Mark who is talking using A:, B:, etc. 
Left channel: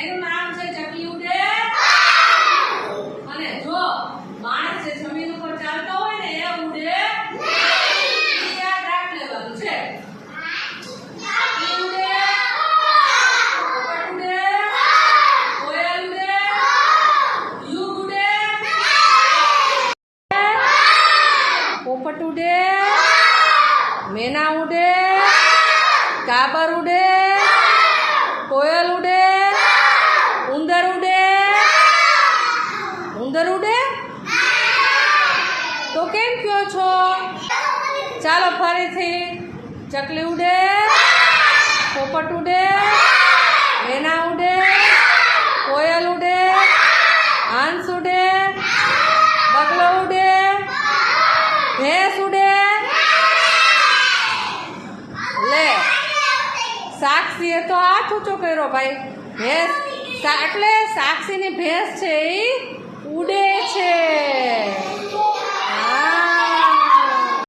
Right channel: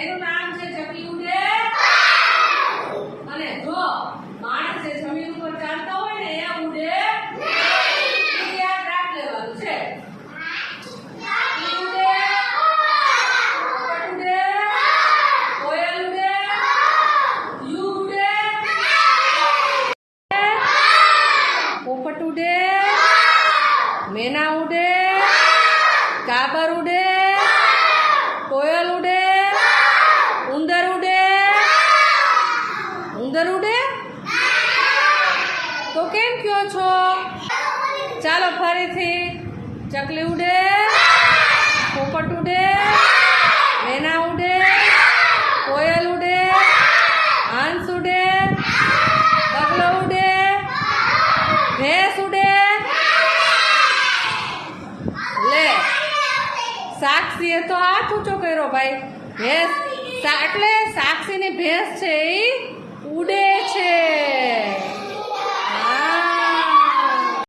A: એનું નામ છે ચકલી ઉડે. અને જો માણસ જમીન ઉપર ચાલતો હોય ને, એ ઉડે. યાદ રાખ લેવાનું છે. પોપટ ઉડે. મેના ઉડે. કાબર ઉડે કોયલ ઉડે ઉંદર ઉડે ઉંદર ઉડે તો કેમ કયો છો? ચાલો ફરીથી ચકલી ઉડે, પોપટ ઉડે મેના ઉડે, કોયલ ઉડે, હંસ ઉડે, બગલો ઉડે, ભેંસ ઉડે. લે, સાક્ષીએ તો હાથ ઊંચો કર્યો ભાઈ. ભેંસ એટલે સાક્ષીની ભેંસ છે એ ઉડે છે